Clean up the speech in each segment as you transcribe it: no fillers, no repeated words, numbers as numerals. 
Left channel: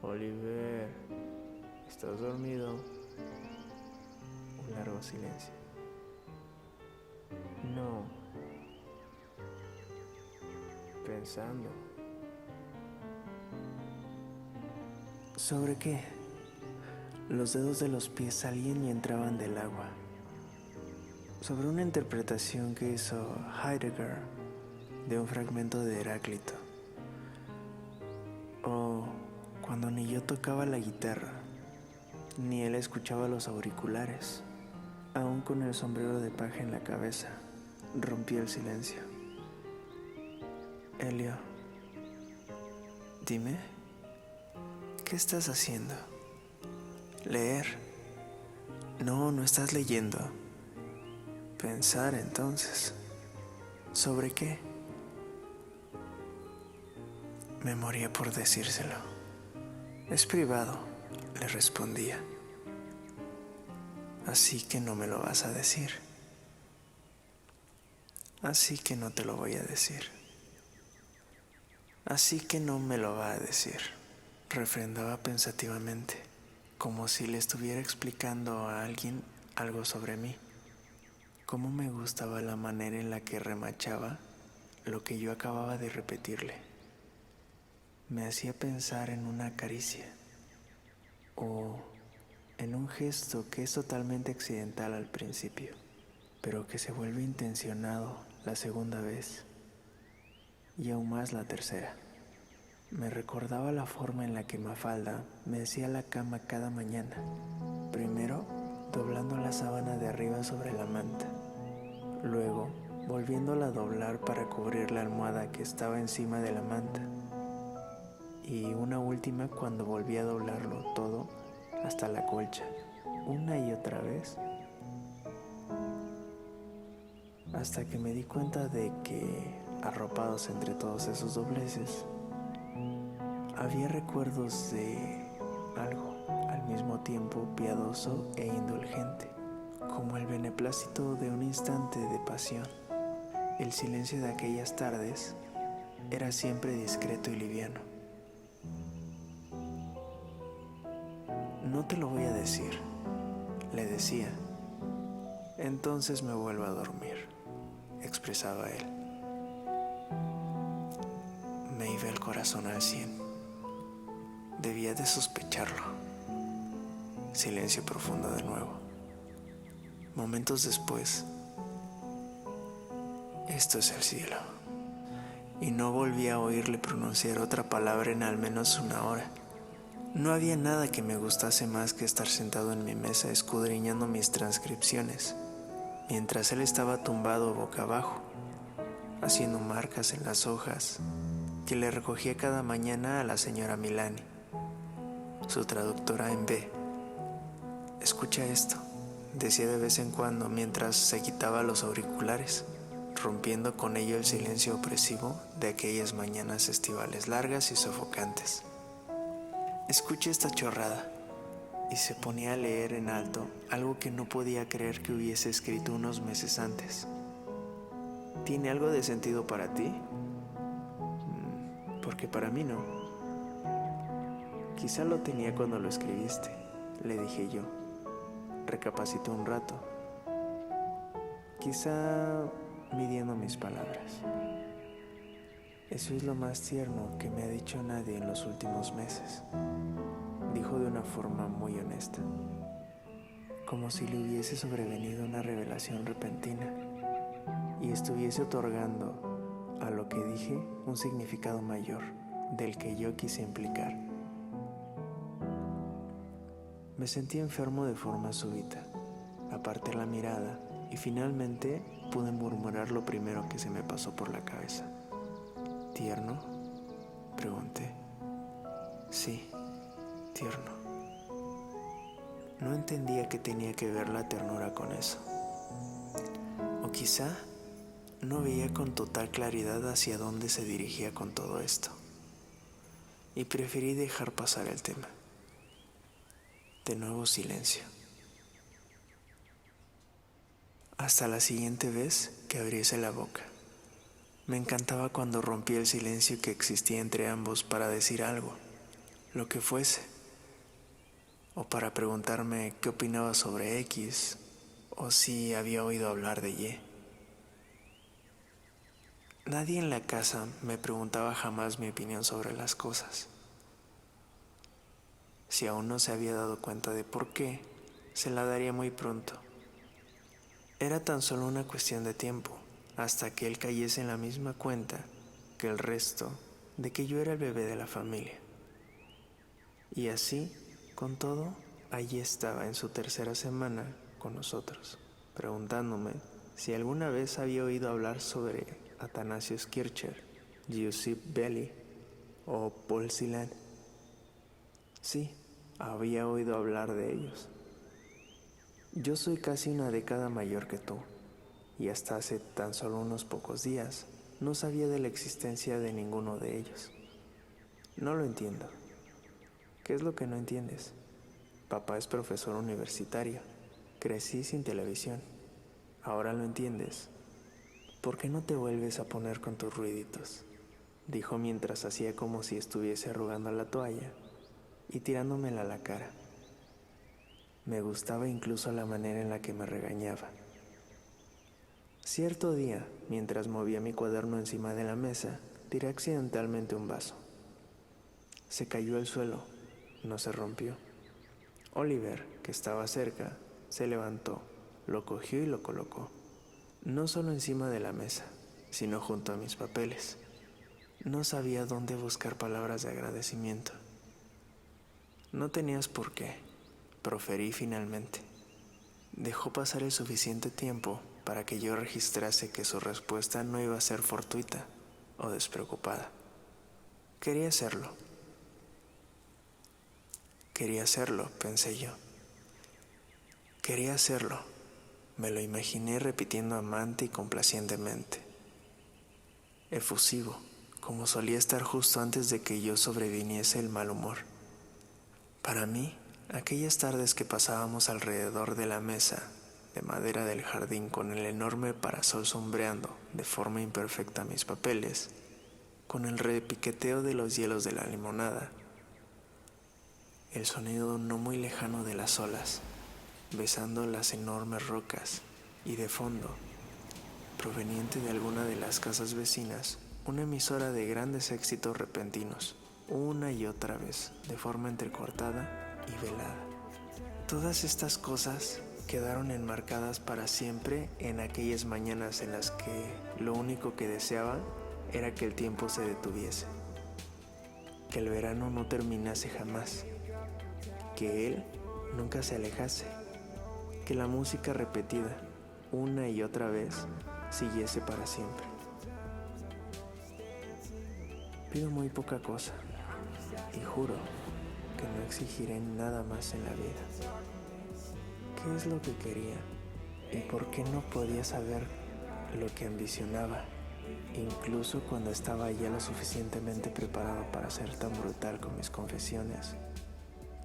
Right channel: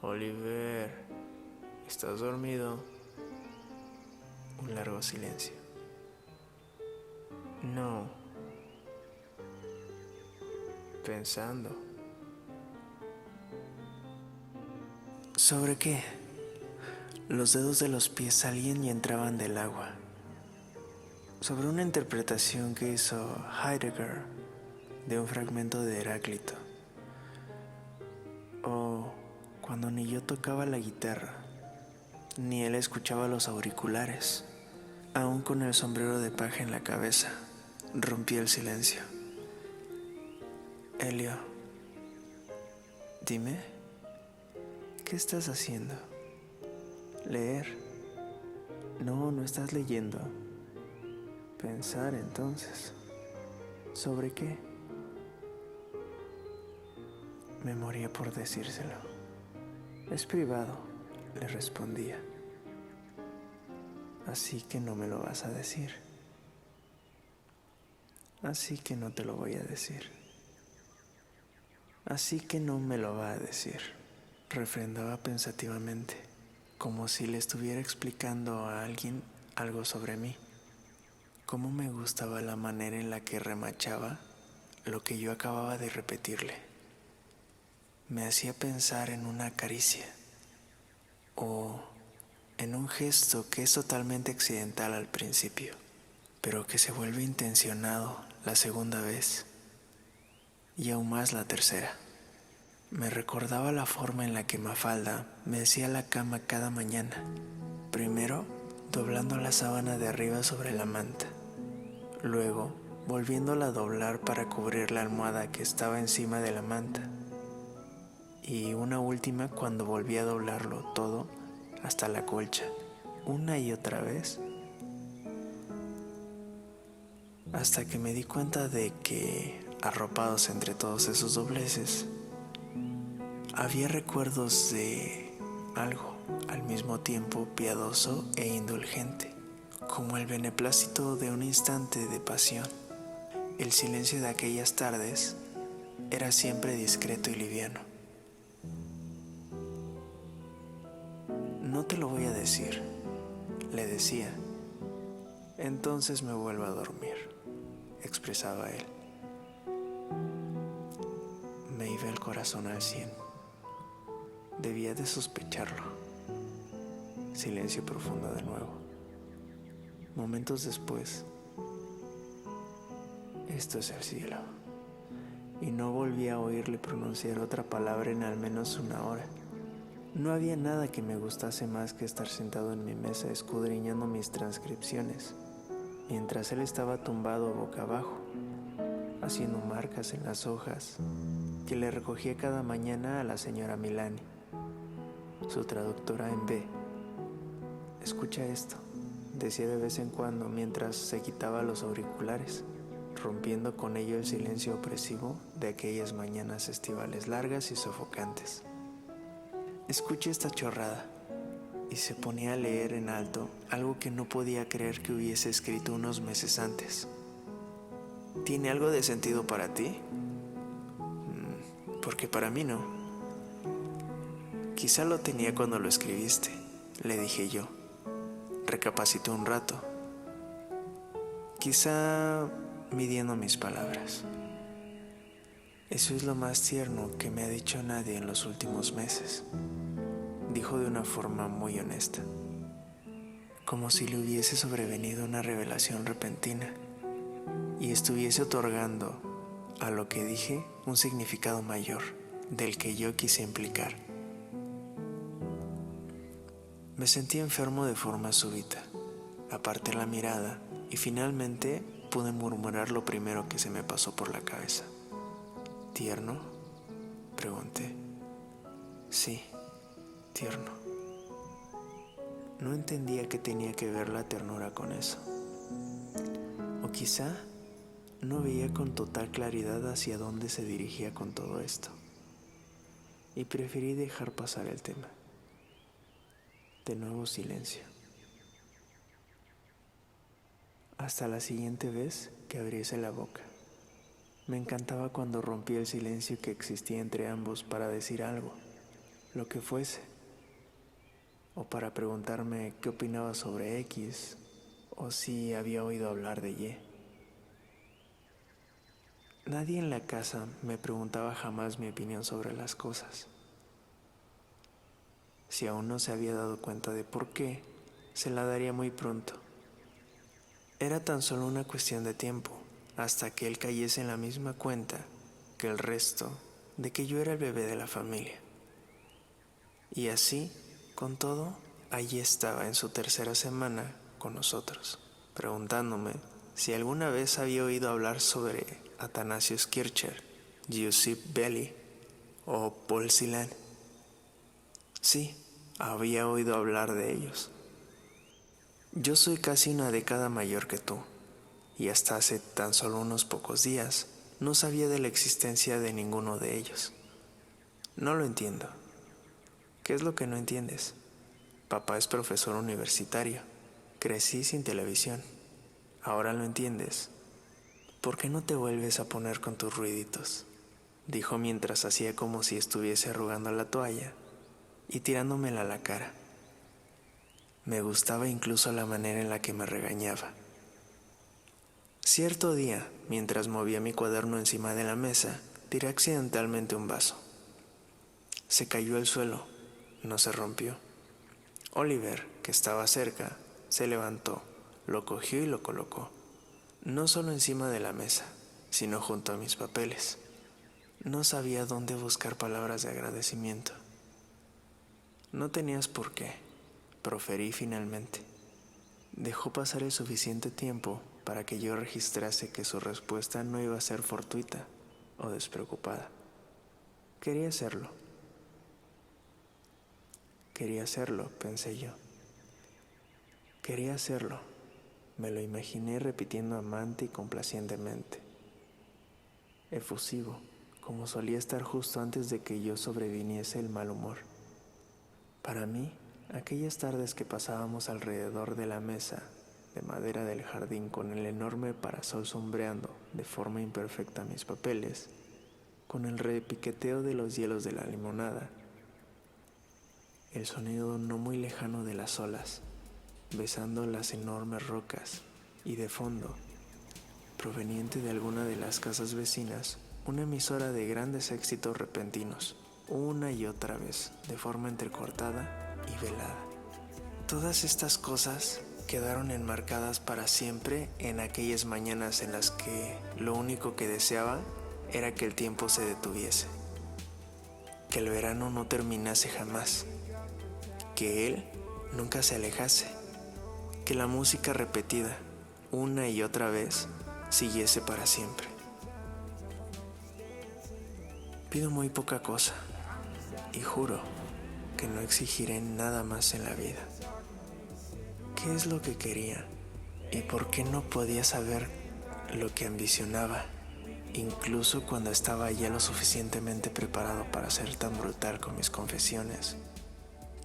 Oliver, ¿estás dormido? Un largo silencio. No. Pensando. ¿Sobre qué? Los dedos de los pies salían y entraban del agua. Sobre una interpretación que hizo Heidegger de un fragmento de Heráclito. O cuando ni yo tocaba la guitarra, ni él escuchaba los auriculares, aún con el sombrero de paja en la cabeza, rompí el silencio. Elio, dime, ¿qué estás haciendo? ¿Leer? No, no estás leyendo. Pensar entonces. ¿Sobre qué? Me moría por decírselo. Es privado, le respondía. Así que no me lo vas a decir. Así que no te lo voy a decir. Así que no me lo va a decir, refrendaba pensativamente, como si le estuviera explicando a alguien algo sobre mí. Cómo me gustaba la manera en la que remachaba lo que yo acababa de repetirle. Me hacía pensar en una caricia o en un gesto que es totalmente accidental al principio, pero que se vuelve intencionado la segunda vez y aún más la tercera. Me recordaba la forma en la que Mafalda me hacía la cama cada mañana, primero doblando la sábana de arriba sobre la manta, luego volviéndola a doblar para cubrir la almohada que estaba encima de la manta, y una última cuando volví a doblarlo todo hasta la colcha, una y otra vez, hasta que me di cuenta de que, arropados entre todos esos dobleces, había recuerdos de algo al mismo tiempo piadoso e indulgente, como el beneplácito de un instante de pasión. El silencio de aquellas tardes era siempre discreto y liviano. No te lo voy a decir, le decía. Entonces me vuelvo a dormir, expresaba él. Me iba el corazón al 100. Debía de sospecharlo. Silencio profundo de nuevo. Momentos después, esto es el cielo. Y no volví a oírle pronunciar otra palabra en al menos una hora. No había nada que me gustase más que estar sentado en mi mesa escudriñando mis transcripciones, mientras él estaba tumbado boca abajo, haciendo marcas en las hojas que le recogía cada mañana a la señora Milani, su traductora en B. Escucha esto, decía de vez en cuando mientras se quitaba los auriculares, rompiendo con ello el silencio opresivo de aquellas mañanas estivales largas y sofocantes. Escucha esta chorrada. Y se ponía a leer en alto algo que no podía creer que hubiese escrito unos meses antes. ¿Tiene algo de sentido para ti? Porque para mí no. Quizá lo tenía cuando lo escribiste, le dije yo. Recapacité un rato. Quizá midiendo mis palabras. Eso es lo más tierno que me ha dicho nadie en los últimos meses, dijo de una forma muy honesta, como si le hubiese sobrevenido una revelación repentina y estuviese otorgando a lo que dije un significado mayor del que yo quise implicar. Me sentí enfermo de forma súbita, aparté la mirada y finalmente pude murmurar lo primero que se me pasó por la cabeza. ¿Tierno?, pregunté. Sí, tierno. No entendía qué tenía que ver la ternura con eso. O quizá no veía con total claridad hacia dónde se dirigía con todo esto. Y preferí dejar pasar el tema. De nuevo silencio. Hasta la siguiente vez que abriese la boca. Me encantaba cuando rompía el silencio que existía entre ambos para decir algo. lo que fuese, o para preguntarme qué opinaba sobre X, o si había oído hablar de Y. Nadie en la casa me preguntaba jamás mi opinión sobre las cosas. Si aún no se había dado cuenta de por qué, se la daría muy pronto. Era tan solo una cuestión de tiempo, hasta que él cayese en la misma cuenta que el resto de que yo era el bebé de la familia. Y así, con todo, allí estaba en su tercera semana con nosotros, preguntándome si alguna vez había oído hablar sobre Athanasius Kircher, Giuseppe Belli o Paul Celan. Sí, había oído hablar de ellos. Yo soy casi una década mayor que tú, y hasta hace tan solo unos pocos días no sabía de la existencia de ninguno de ellos. No lo entiendo. ¿Qué es lo que no entiendes? Papá es profesor universitario. Crecí sin televisión. ¿Ahora lo entiendes? ¿Por qué no te vuelves a poner con tus ruiditos?, dijo mientras hacía como si estuviese arrugando la toalla y tirándomela a la cara. Me gustaba incluso la manera en la que me regañaba. Cierto día, mientras movía mi cuaderno encima de la mesa, tiré accidentalmente un vaso. Se cayó al suelo, no se rompió. Oliver, que estaba cerca, se levantó, lo cogió y lo colocó, no solo encima de la mesa, sino junto a mis papeles. No sabía dónde buscar palabras de agradecimiento. No tenías por qué, proferí finalmente. Dejó pasar el suficiente tiempo para que yo registrase que su respuesta no iba a ser fortuita o despreocupada. Quería hacerlo, pensé yo. Quería hacerlo, me lo imaginé repitiendo amante y complacientemente. Efusivo, como solía estar justo antes de que yo sobreviniese el mal humor. Para mí, aquellas tardes que pasábamos alrededor de la mesa de madera del jardín con el enorme parasol sombreando de forma imperfecta mis papeles, con el repiqueteo de los hielos de la limonada, el sonido no muy lejano de las olas besando las enormes rocas y de fondo, proveniente de alguna de las casas vecinas, una emisora de grandes éxitos repentinos, una y otra vez, de forma entrecortada y velada. Todas estas cosas quedaron enmarcadas para siempre en aquellas mañanas en las que lo único que deseaba era que el tiempo se detuviese, que el verano no terminase jamás, que él nunca se alejase, que la música repetida una y otra vez siguiese para siempre. Pido muy poca cosa y juro que no exigiré nada más en la vida. ¿Qué es lo que quería y por qué no podía saber lo que ambicionaba, incluso cuando estaba ya lo suficientemente preparado para ser tan brutal con mis confesiones?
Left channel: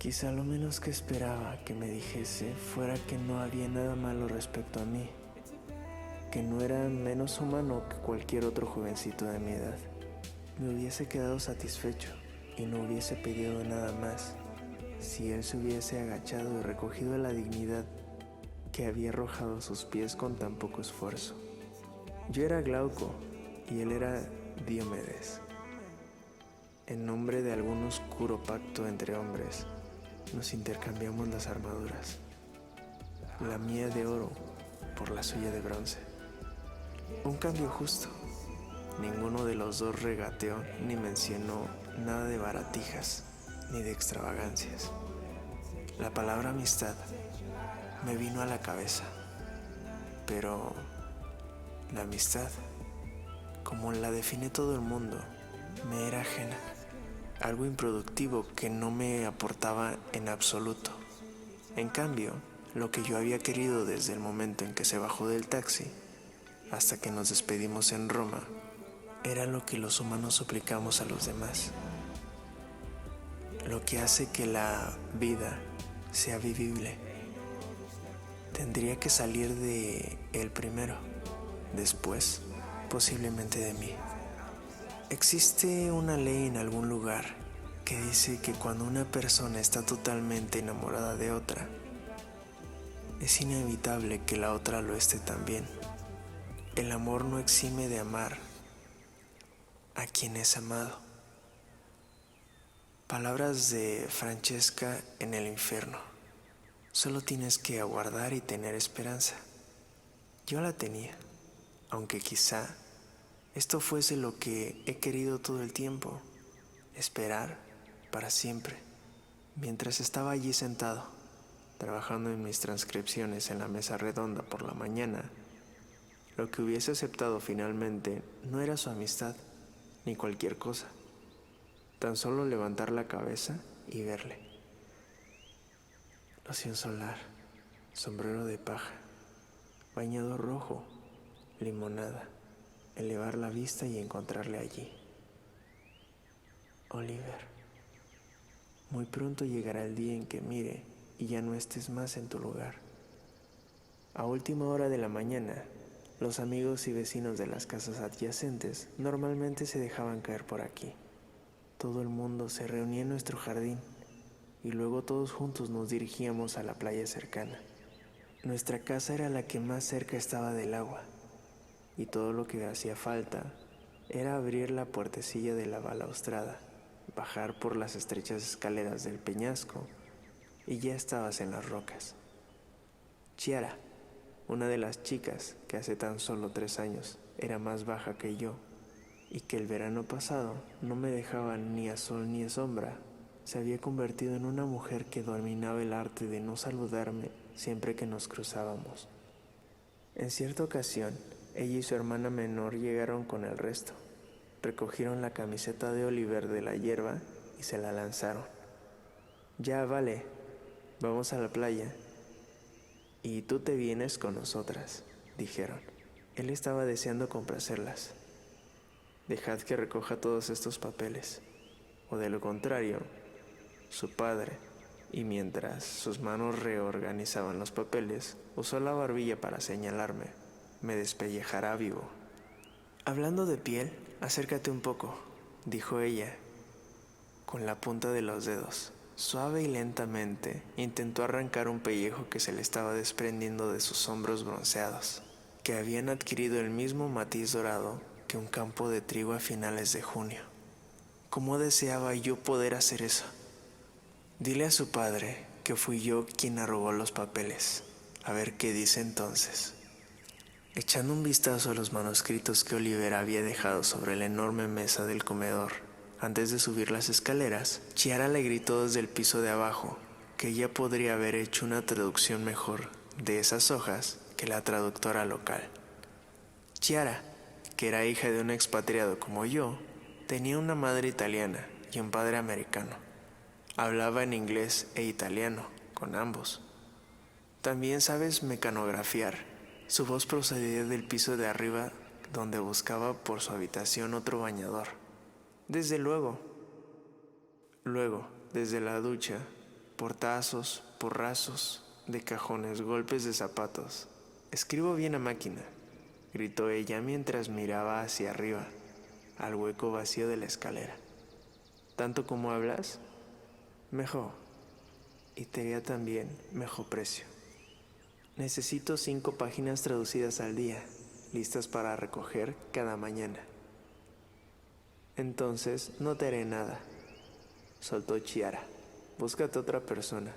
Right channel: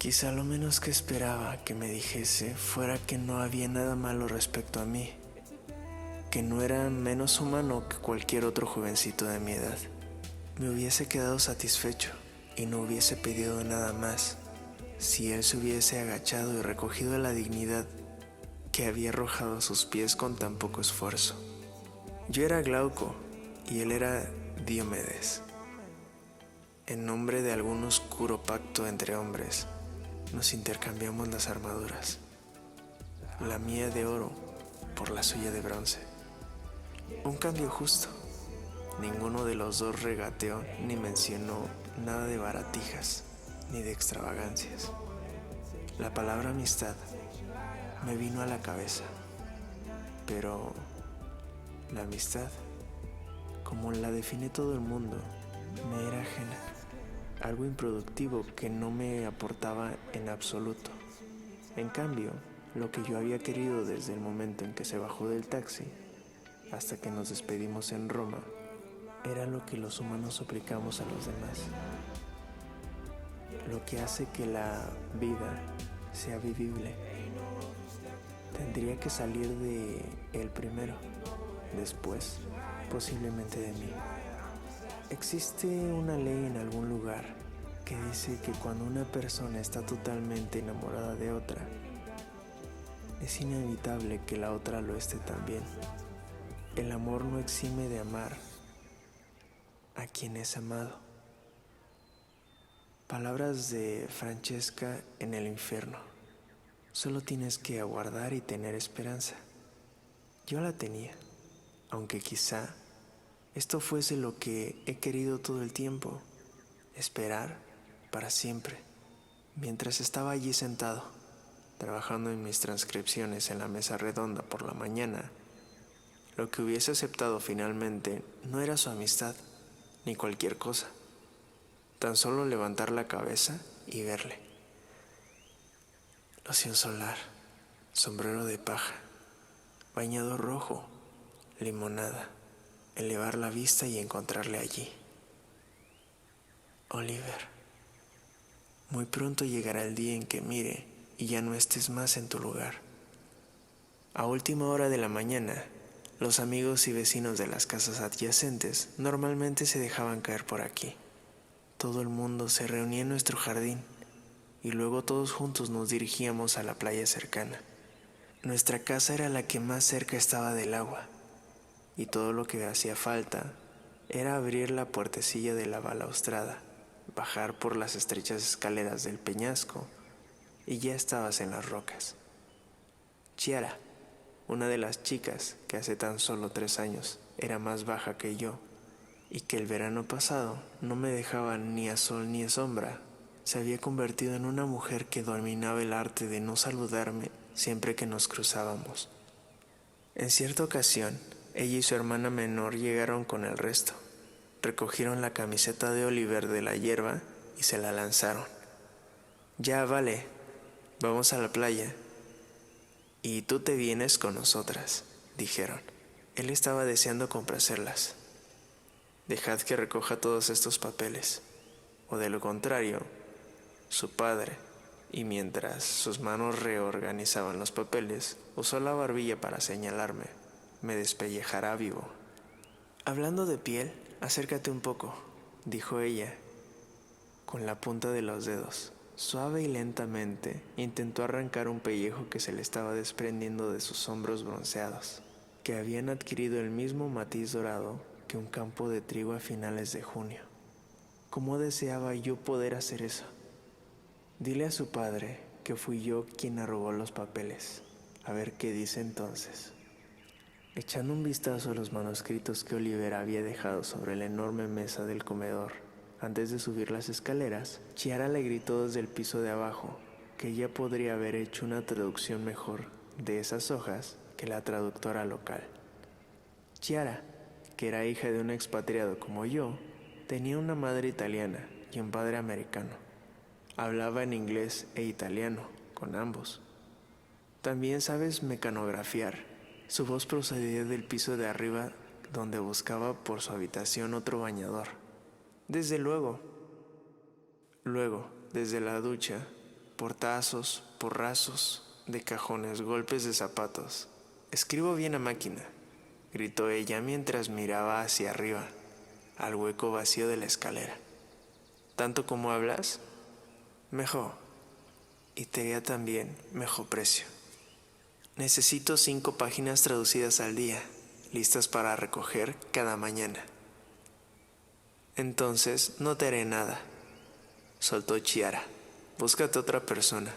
Quizá lo menos que esperaba que me dijese fuera que no había nada malo respecto a mí, que no era menos humano que cualquier otro jovencito de mi edad. Me hubiese quedado satisfecho y no hubiese pedido nada más si él se hubiese agachado y recogido la dignidad que había arrojado a sus pies con tan poco esfuerzo. Yo era Glauco y él era Diomedes. En nombre de algún oscuro pacto entre hombres, nos intercambiamos las armaduras, la mía de oro por la suya de bronce. Un cambio justo. Ninguno de los dos regateó ni mencionó nada de baratijas ni de extravagancias. La palabra amistad me vino a la cabeza, pero la amistad, como la define todo el mundo, me era ajena, algo improductivo que no me aportaba en absoluto. En cambio, lo que yo había querido desde el momento en que se bajó del taxi hasta que nos despedimos en Roma era lo que los humanos suplicamos a los demás, lo que hace que la vida sea vivible. Tendría que salir de él primero, después posiblemente de mí. Existe una ley en algún lugar que que dice que cuando una persona está totalmente enamorada de otra, es inevitable que la otra lo esté también. El amor no exime de amar a quien es amado. Palabras de Francesca en el infierno. Solo tienes que aguardar y tener esperanza. Yo la tenía, aunque quizá esto fuese lo que he querido todo el tiempo, esperar para siempre. Mientras estaba allí sentado, trabajando en mis transcripciones en la mesa redonda por la mañana, lo que hubiese aceptado finalmente no era su amistad, ni cualquier cosa. Tan solo levantar la cabeza y verle. Loción solar, sombrero de paja, bañador rojo, limonada, elevar la vista y encontrarle allí. Oliver, muy pronto llegará el día en que mire y ya no estés más en tu lugar. A última hora de la mañana, los amigos y vecinos de las casas adyacentes normalmente se dejaban caer por aquí. Todo el mundo se reunía en nuestro jardín y luego todos juntos nos dirigíamos a la playa cercana. Nuestra casa era la que más cerca estaba del agua y todo lo que hacía falta era abrir la puertecilla de la balaustrada, bajar por las estrechas escaleras del peñasco y ya estabas en las rocas. Chiara, una de las chicas que hace tan solo 3 años era más baja que yo y que el verano pasado no me dejaba ni a sol ni a sombra, se había convertido en una mujer que dominaba el arte de no saludarme siempre que nos cruzábamos. En cierta ocasión, ella y su hermana menor llegaron con el resto, recogieron la camiseta de Oliver de la hierba y se la lanzaron. Ya vale, vamos a la playa. Y tú te vienes con nosotras, dijeron. Él estaba deseando complacerlas. Dejad que recoja todos estos papeles, o de lo contrario, su padre, y mientras sus manos reorganizaban los papeles, usó la barbilla para señalarme. Me despellejará vivo. Hablando de piel, acércate un poco, dijo ella, con la punta de los dedos. Suave y lentamente intentó arrancar un pellejo que se le estaba desprendiendo de sus hombros bronceados, que habían adquirido el mismo matiz dorado que un campo de trigo a finales de junio. ¿Cómo deseaba yo poder hacer eso? Dile a su padre que fui yo quien arrugó los papeles. A ver qué dice entonces. Echando un vistazo a los manuscritos que Oliver había dejado sobre la enorme mesa del comedor, antes de subir las escaleras, Chiara le gritó desde el piso de abajo que ella podría haber hecho una traducción mejor de esas hojas que la traductora local. Chiara, que era hija de un expatriado como yo, tenía una madre italiana y un padre americano. Hablaba en inglés e italiano, con ambos. También sabes mecanografiar. Su voz procedía del piso de arriba, donde buscaba por su habitación otro bañador. Desde luego. Luego, desde la ducha, portazos, porrazos de cajones, golpes de zapatos. Escribo bien a máquina, gritó ella mientras miraba hacia arriba, al hueco vacío de la escalera. ¿Tanto como hablas? Mejor. Y te haría también mejor precio. Necesito 5 páginas traducidas al día, listas para recoger cada mañana. Entonces no te haré nada, soltó Chiara. Búscate otra persona.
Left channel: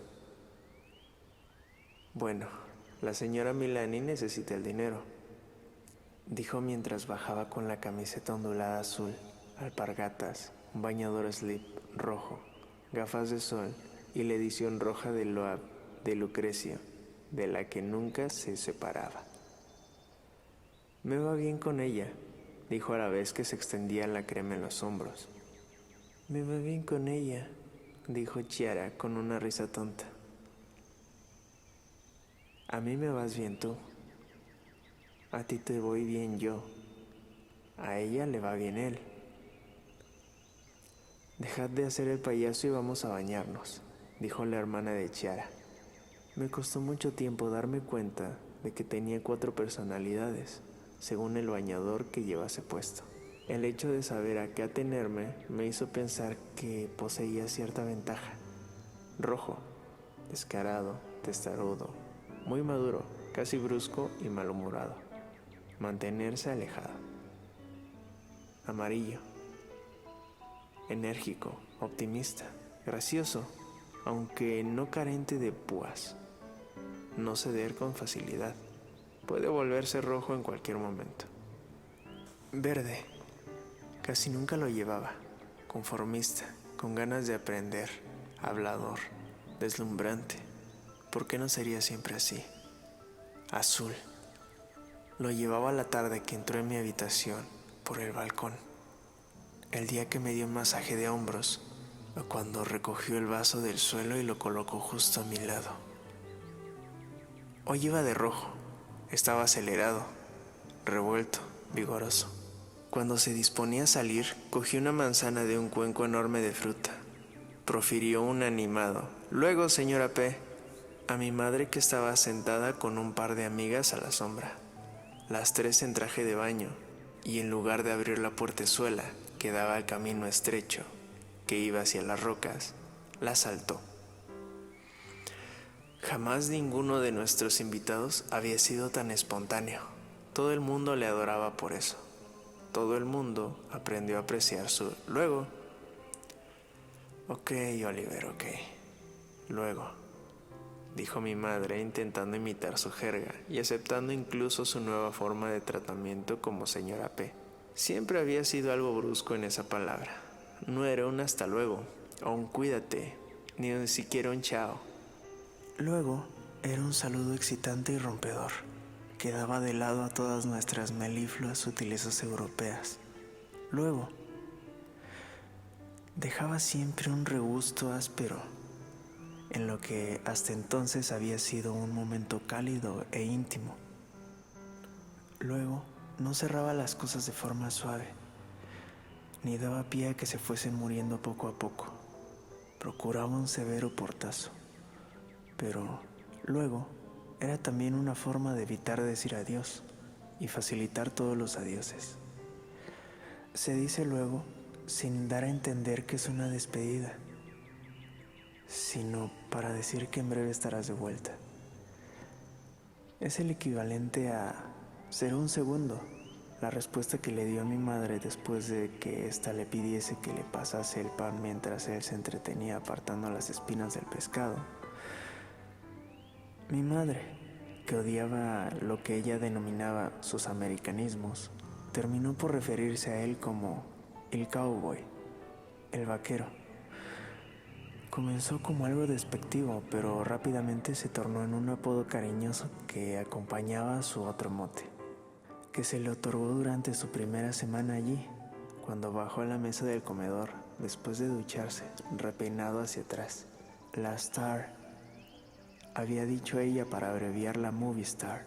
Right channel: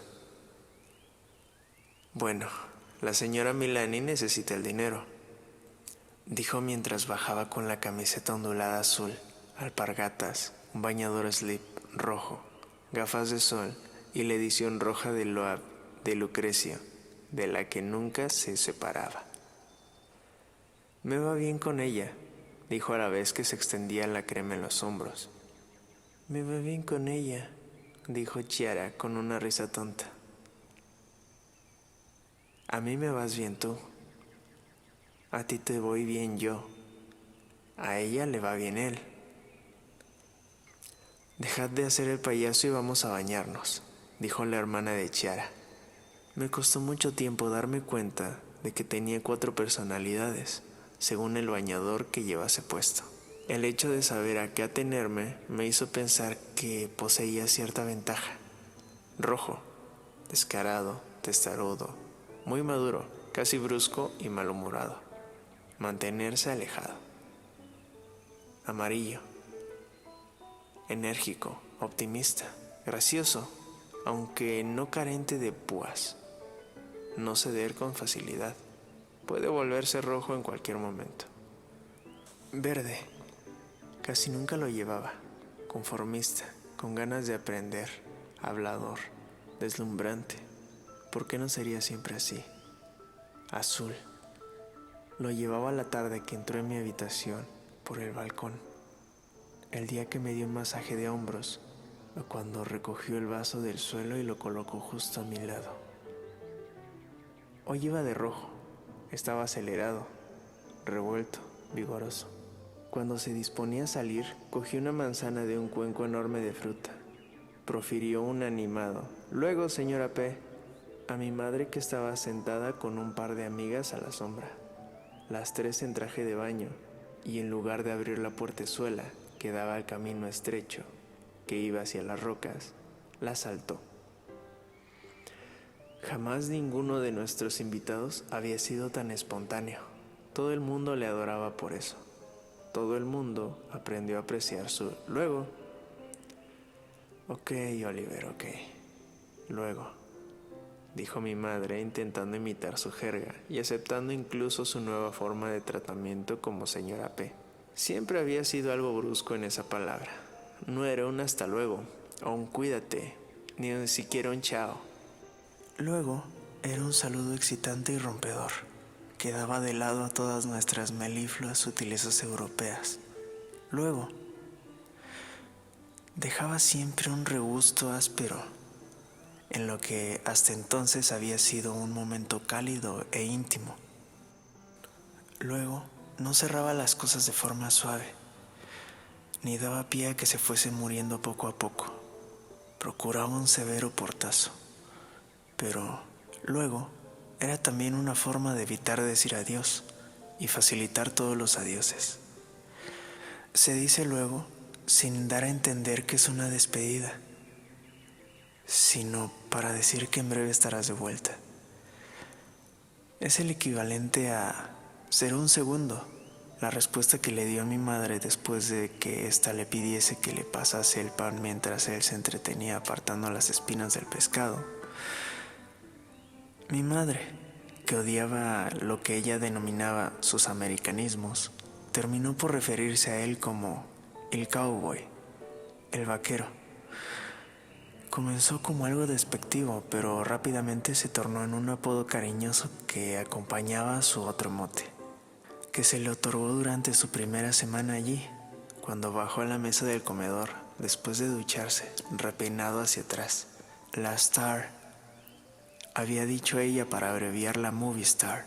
Bueno, la señora Milani necesita el dinero, dijo mientras bajaba con la camiseta ondulada azul, alpargatas, un bañador slip rojo, gafas de sol y la edición roja de Loab de Lucrecio, de la que nunca se separaba. Me va bien con ella, dijo a la vez que se extendía la crema en los hombros. Me va bien con ella, dijo Chiara con una risa tonta. A mí me vas bien tú. A ti te voy bien yo. A ella le va bien él. Dejad de hacer el payaso y vamos a bañarnos, dijo la hermana de Chiara. Me costó mucho tiempo darme cuenta de que tenía 4 personalidades, según el bañador que llevase puesto. El hecho de saber a qué atenerme me hizo pensar que poseía cierta ventaja. Rojo, descarado, testarudo, muy maduro, casi brusco y malhumorado. Mantenerse alejado. Amarillo, enérgico, optimista, gracioso, aunque no carente de púas. No ceder con facilidad. Puede volverse rojo en cualquier momento. Verde. Casi nunca lo llevaba. Conformista, con ganas de aprender, hablador, deslumbrante. ¿Por qué no sería siempre así? Azul. Lo llevaba la tarde que entró en mi habitación por el balcón. El día que me dio un masaje de hombros, o cuando recogió el vaso del suelo y lo colocó justo a mi lado. Hoy iba de rojo. Estaba acelerado, revuelto, vigoroso. Cuando se disponía a salir, cogió una manzana de un cuenco enorme de fruta. Profirió un animado: «Luego, señora P», a mi madre, que estaba sentada con un par de amigas a la sombra. Las tres en traje de baño, y en lugar de abrir la puertezuela que daba al camino estrecho que iba hacia las rocas, la saltó. Jamás ninguno de nuestros invitados había sido tan espontáneo. Todo el mundo le adoraba por eso. Todo el mundo aprendió a apreciar su «luego». «Ok, Oliver, ok. Luego», dijo mi madre, intentando imitar su jerga y aceptando incluso su nueva forma de tratamiento como señora P. Siempre había sido algo brusco en esa palabra. No era un hasta luego, o un cuídate, ni siquiera un chao. Luego era un saludo excitante y rompedor, que daba de lado a todas nuestras melifluas sutilezas europeas. Luego dejaba siempre un regusto áspero en lo que hasta entonces había sido un momento cálido e íntimo. Luego no cerraba las cosas de forma suave, ni daba pie a que se fuesen muriendo poco a poco. Procuraba un severo portazo, pero luego era también una forma de evitar decir adiós y facilitar todos los adioses. Se dice luego sin dar a entender que es una despedida, sino para decir que en breve estarás de vuelta. Es el equivalente a «ser un segundo», la respuesta que le dio a mi madre después de que ésta le pidiese que le pasase el pan mientras él se entretenía apartando las espinas del pescado. Mi madre, que odiaba lo que ella denominaba sus americanismos, terminó por referirse a él como el cowboy, el vaquero. Comenzó como algo despectivo, pero rápidamente se tornó en un apodo cariñoso que acompañaba a su otro mote, que se le otorgó durante su primera semana allí, cuando bajó a la mesa del comedor después de ducharse, repeinado hacia atrás. La Star, había dicho ella para abreviar la Movie Star.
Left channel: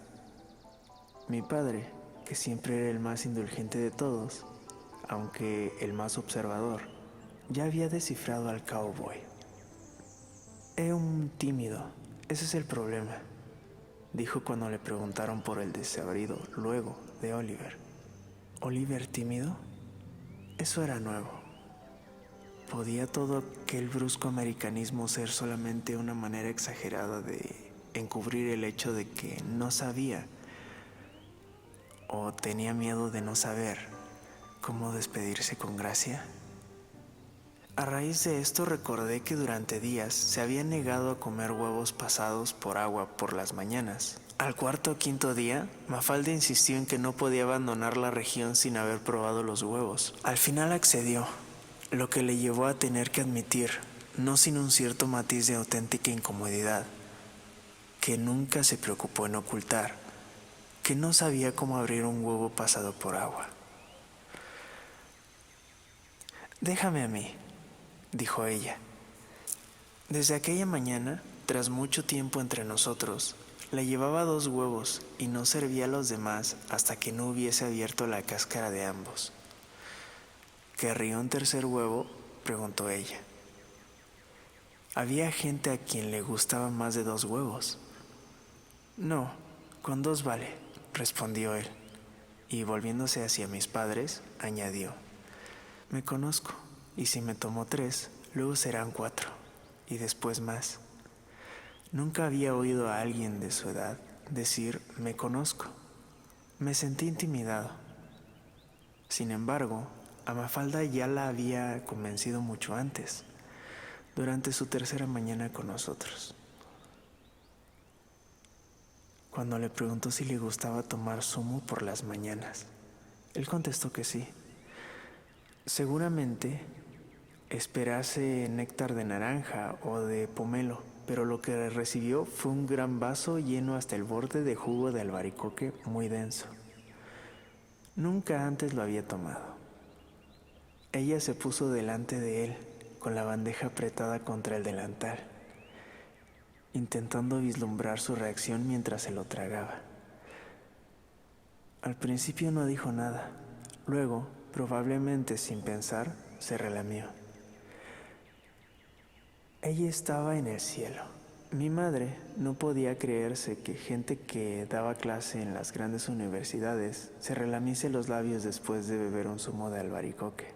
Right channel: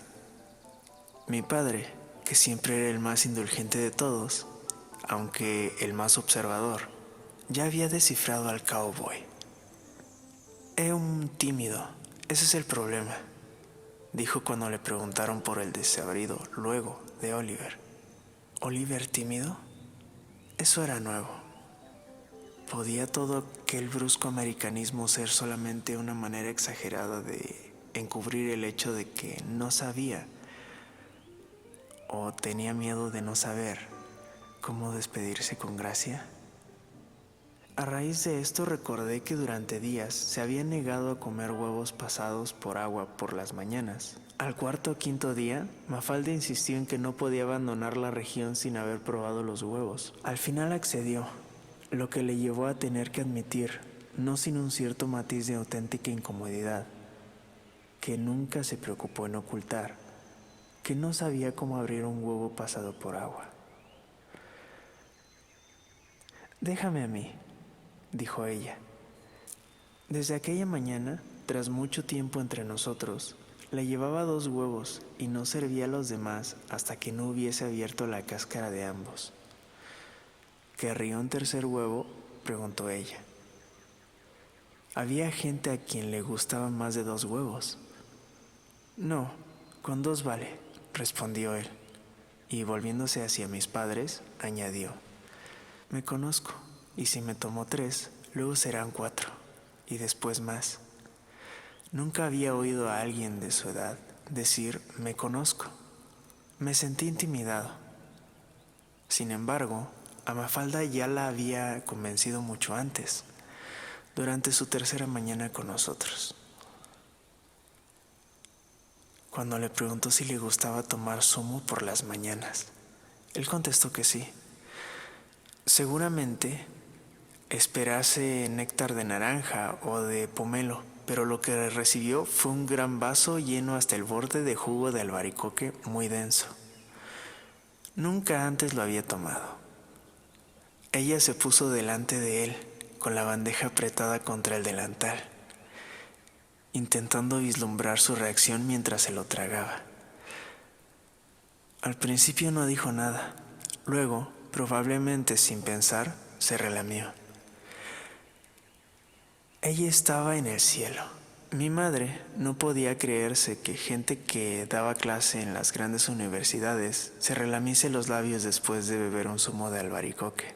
Mi padre, que siempre era el más indulgente de todos, aunque el más observador, ya había descifrado al cowboy. «Es un tímido, ese es el problema», dijo cuando le preguntaron por el desabrido «luego» de Oliver. ¿Oliver tímido? Eso era nuevo. ¿Podía todo aquel brusco americanismo ser solamente una manera exagerada de encubrir el hecho de que no sabía o tenía miedo de no saber cómo despedirse con gracia? A raíz de esto recordé que durante días se había negado a comer huevos pasados por agua por las mañanas. Al cuarto o quinto día, Mafalda insistió en que no podía abandonar la región sin haber probado los huevos. Al final accedió, lo que le llevó a tener que admitir, no sin un cierto matiz de auténtica incomodidad, que nunca se preocupó en ocultar, que no sabía cómo abrir un huevo pasado por agua. «Déjame a mí», dijo ella. Desde aquella mañana, tras mucho tiempo entre nosotros, le llevaba 2 huevos y no servía a los demás hasta que no hubiese abierto la cáscara de ambos. «¿Querría un tercer huevo?», preguntó ella. Había gente a quien le gustaban más de 2 huevos. «No, con 2 vale», respondió él. y volviéndose hacia mis padres, añadió: me conozco, y si me tomo 3, luego serán 4, y después más. Nunca había oído a alguien de su edad decir me conozco. Me sentí intimidado. Sin embargo, a Mafalda ya la había convencido mucho antes, durante su tercera mañana con nosotros. Cuando le preguntó si le gustaba tomar zumo por las mañanas, él contestó que sí. Seguramente esperase néctar de naranja o de pomelo, pero lo que recibió fue un gran vaso lleno hasta el borde de jugo de albaricoque muy denso. Nunca antes lo había tomado. Ella se puso delante de él, con la bandeja apretada contra el delantal, intentando vislumbrar su reacción mientras se lo tragaba. Al principio no dijo nada. Luego, probablemente sin pensar, se relamió. Ella estaba en el cielo. Mi madre no podía creerse que gente que daba clase en las grandes universidades se relamiese los labios después de beber un zumo de albaricoque.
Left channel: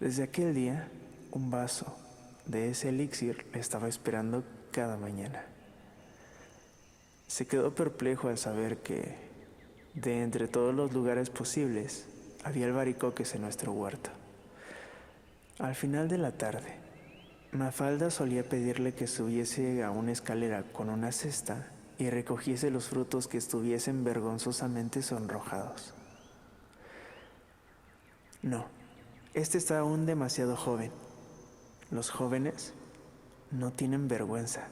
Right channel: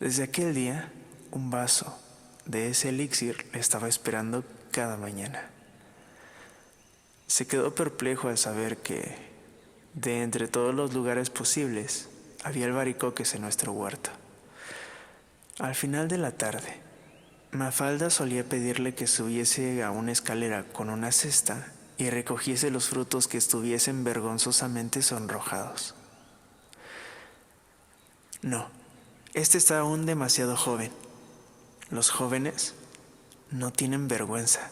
Desde aquel día, un vaso de ese elixir le estaba esperando cada mañana. Se quedó perplejo al saber que, de entre todos los lugares posibles, había albaricoques en nuestro huerto. Al final de la tarde, Mafalda solía pedirle que subiese a una escalera con una cesta y recogiese los frutos que estuviesen vergonzosamente sonrojados. No, este está aún demasiado joven. Los jóvenes no tienen vergüenza.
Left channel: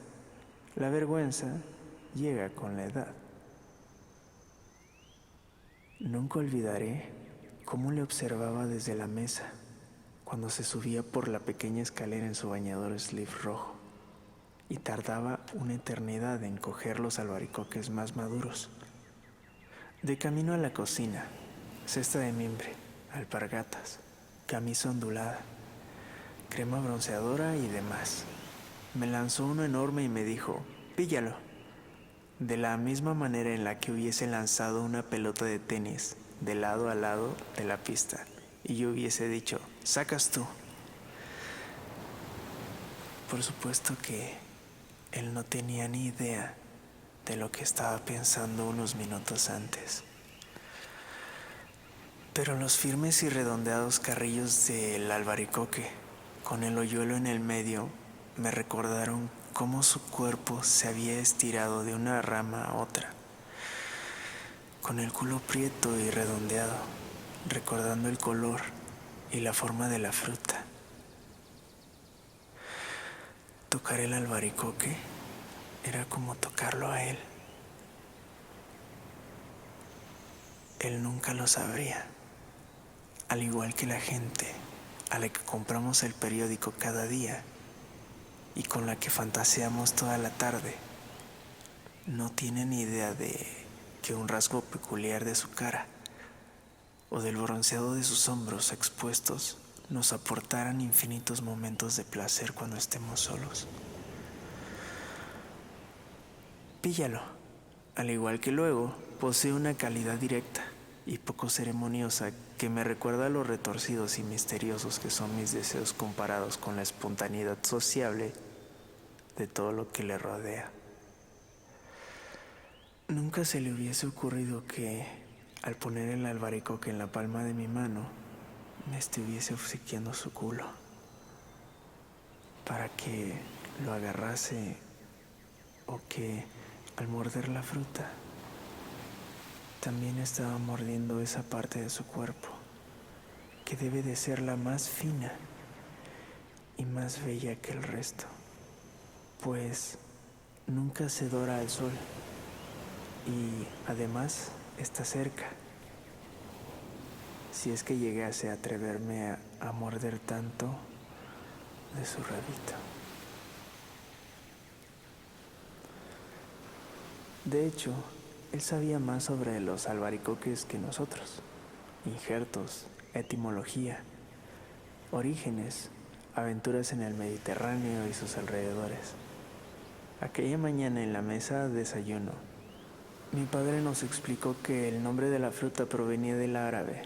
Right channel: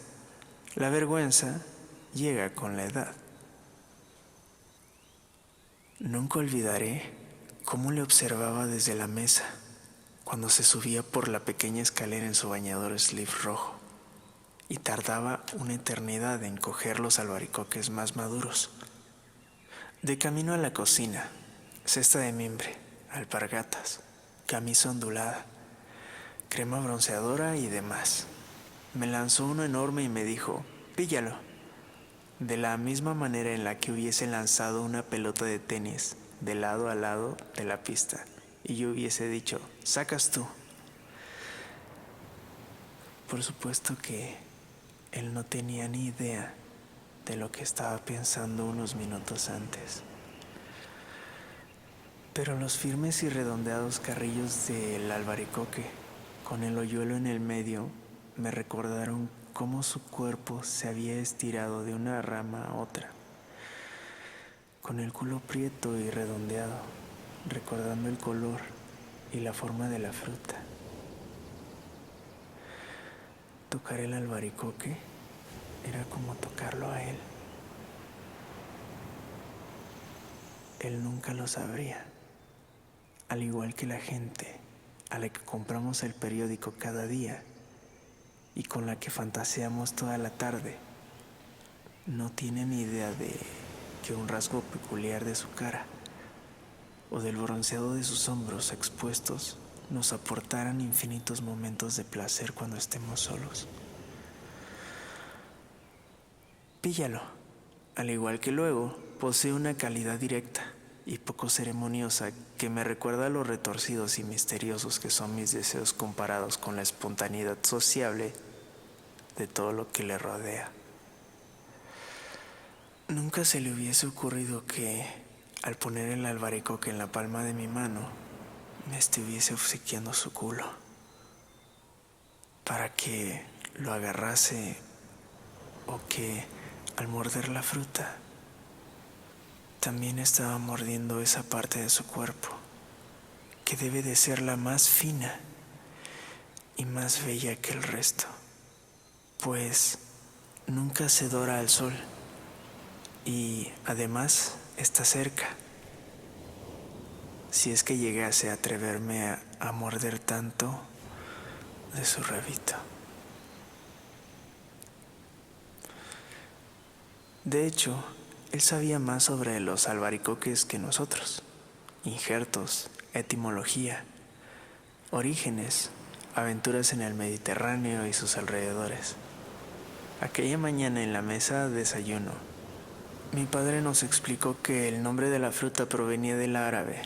La vergüenza llega con la edad. Nunca olvidaré cómo le observaba desde la mesa cuando se subía por la pequeña escalera en su bañador slip rojo y tardaba una eternidad en coger los albaricoques más maduros. De camino a la cocina, cesta de mimbre, alpargatas, camisa ondulada, crema bronceadora y demás. Me lanzó uno enorme y me dijo: píllalo. De la misma manera en la que hubiese lanzado una pelota de tenis de lado a lado de la pista y yo hubiese dicho: sacas tú. Por supuesto que él no tenía ni idea de lo que estaba pensando unos minutos antes. Pero los firmes y redondeados carrillos del albaricoque, con el hoyuelo en el medio, me recordaron cómo su cuerpo se había estirado de una rama a otra, con el culo prieto y redondeado, recordando el color y la forma de la fruta. Tocar el albaricoque era como tocarlo a él. Él nunca lo sabría. Al igual que la gente a la que compramos el periódico cada día y con la que fantaseamos toda la tarde, no tienen idea de que un rasgo peculiar de su cara o del bronceado de sus hombros expuestos nos aportaran infinitos momentos de placer cuando estemos solos. Píllalo. Al igual que luego, posee una calidad directa y poco ceremoniosa que me recuerda a lo retorcidos y misteriosos que son mis deseos comparados con la espontaneidad sociable de todo lo que le rodea. Nunca se le hubiese ocurrido que, al poner el albaricoque en la palma de mi mano, me estuviese obsequiando su culo para que lo agarrase, o que, al morder la fruta, también estaba mordiendo esa parte de su cuerpo que debe de ser la más fina y más bella que el resto, pues nunca se dora al sol y además está cerca. Si es que llegase a atreverme a morder tanto de su rabito. De hecho, él sabía más sobre los albaricoques que nosotros. Injertos, etimología, orígenes, aventuras en el Mediterráneo y sus alrededores. Aquella mañana en la mesa de desayuno, Mi padre nos explicó que el nombre de la fruta provenía del árabe,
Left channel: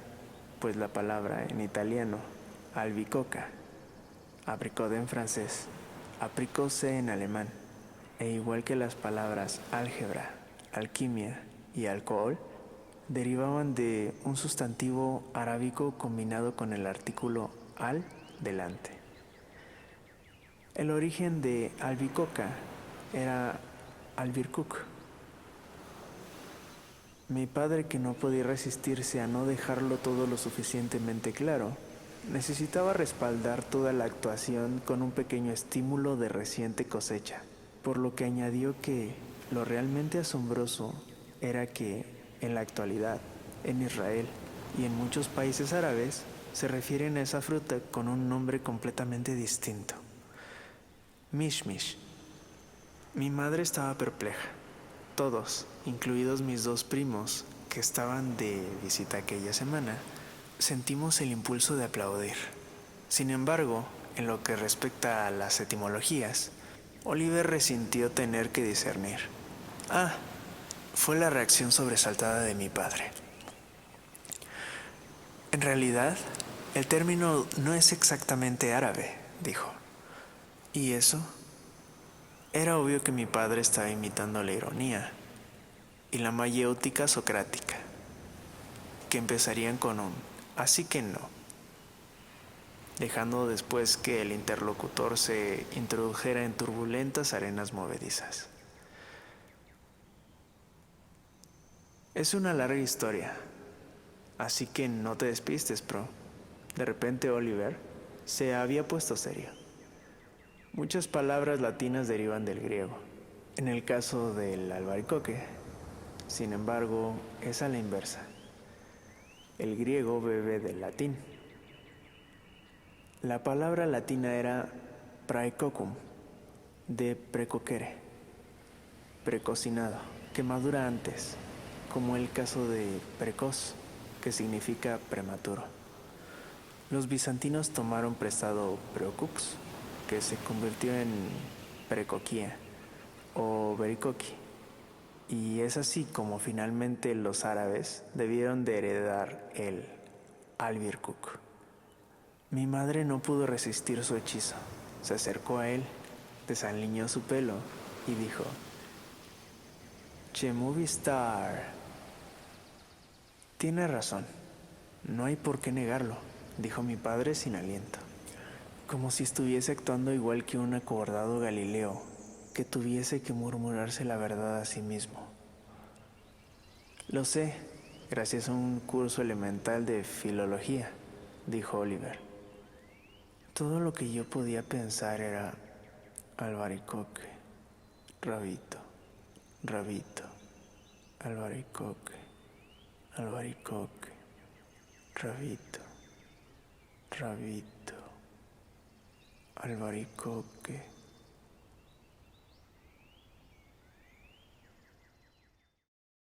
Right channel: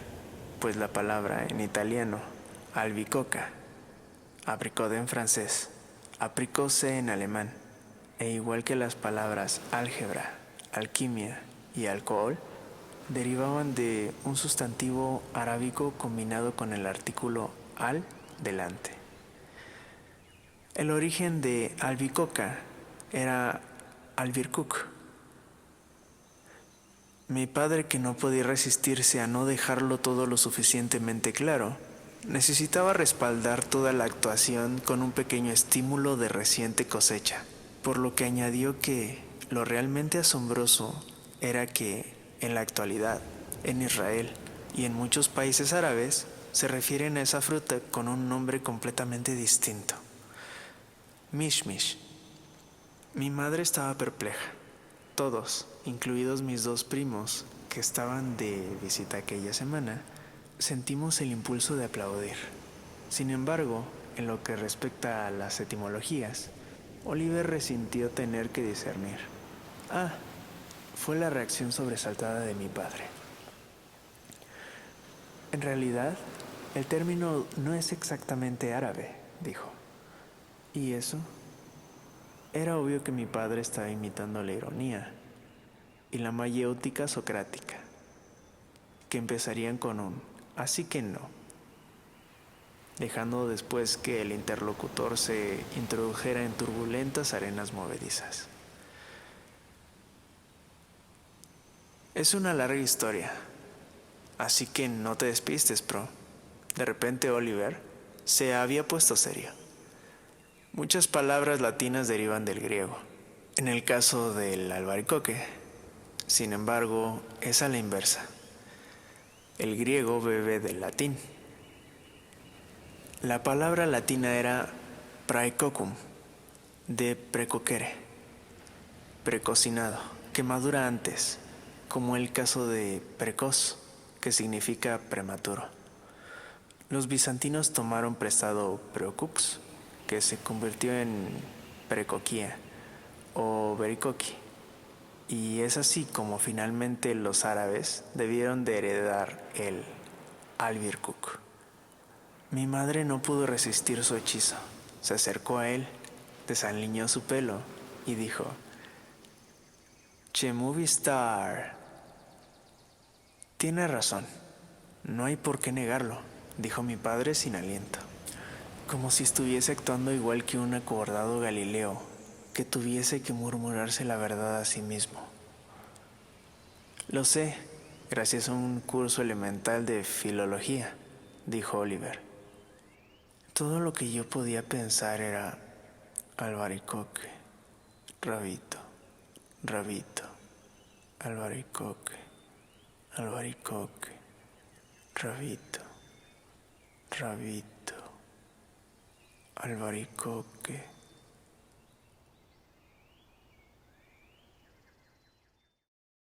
pues la palabra en italiano, albicocca, apricot en francés, apricot en alemán, e igual que las palabras álgebra, alquimia y alcohol, derivaban de un sustantivo arábico combinado con el artículo al delante. El origen de albicocca era albircook. Mi padre, que no podía resistirse a no dejarlo todo lo suficientemente claro, necesitaba respaldar toda la actuación con un pequeño estímulo de reciente cosecha, por lo que añadió que lo realmente asombroso era que, en la actualidad, en Israel y en muchos países árabes, se refieren a esa fruta con un nombre completamente distinto: mishmish. Mi madre estaba perpleja. Todos, incluidos mis dos primos, que estaban de visita aquella semana, sentimos el impulso de aplaudir. Sin embargo, en lo que respecta a las etimologías, Oliver resintió tener que discernir. Ah, fue la reacción sobresaltada de mi padre. En realidad, el término no es exactamente árabe, dijo. ¿Y eso? Era obvio que mi padre estaba imitando la ironía y la mayéutica socrática, que empezarían con un así que no, dejando después que el interlocutor se introdujera en turbulentas arenas movedizas. Es una larga historia, así que no te despistes, pro. De repente Oliver se había puesto serio. Muchas palabras latinas derivan del griego. En el caso del albaricoque, sin embargo, es a la inversa. El griego bebe del latín. La palabra latina era praecocum, de precoquere, precocinado, que madura antes, como el caso de precoz, que significa prematuro. Los bizantinos tomaron prestado preocux, que se convirtió en precoquia o bericoqui, y es así como finalmente los árabes debieron de heredar el albirkuk. Mi madre no pudo resistir su hechizo. Se acercó a él, desaliñó su pelo y dijo: Che movie star. Tiene razón, no hay por qué negarlo, dijo mi padre sin aliento, como si estuviese actuando igual que un acobardado Galileo que tuviese que murmurarse la verdad a sí mismo. Lo sé, gracias a un curso elemental de filología, dijo Oliver. Todo lo que yo podía pensar era: albaricoque, rabito, rabito, albaricoque, albaricoque, rabito, rabito, albaricoque.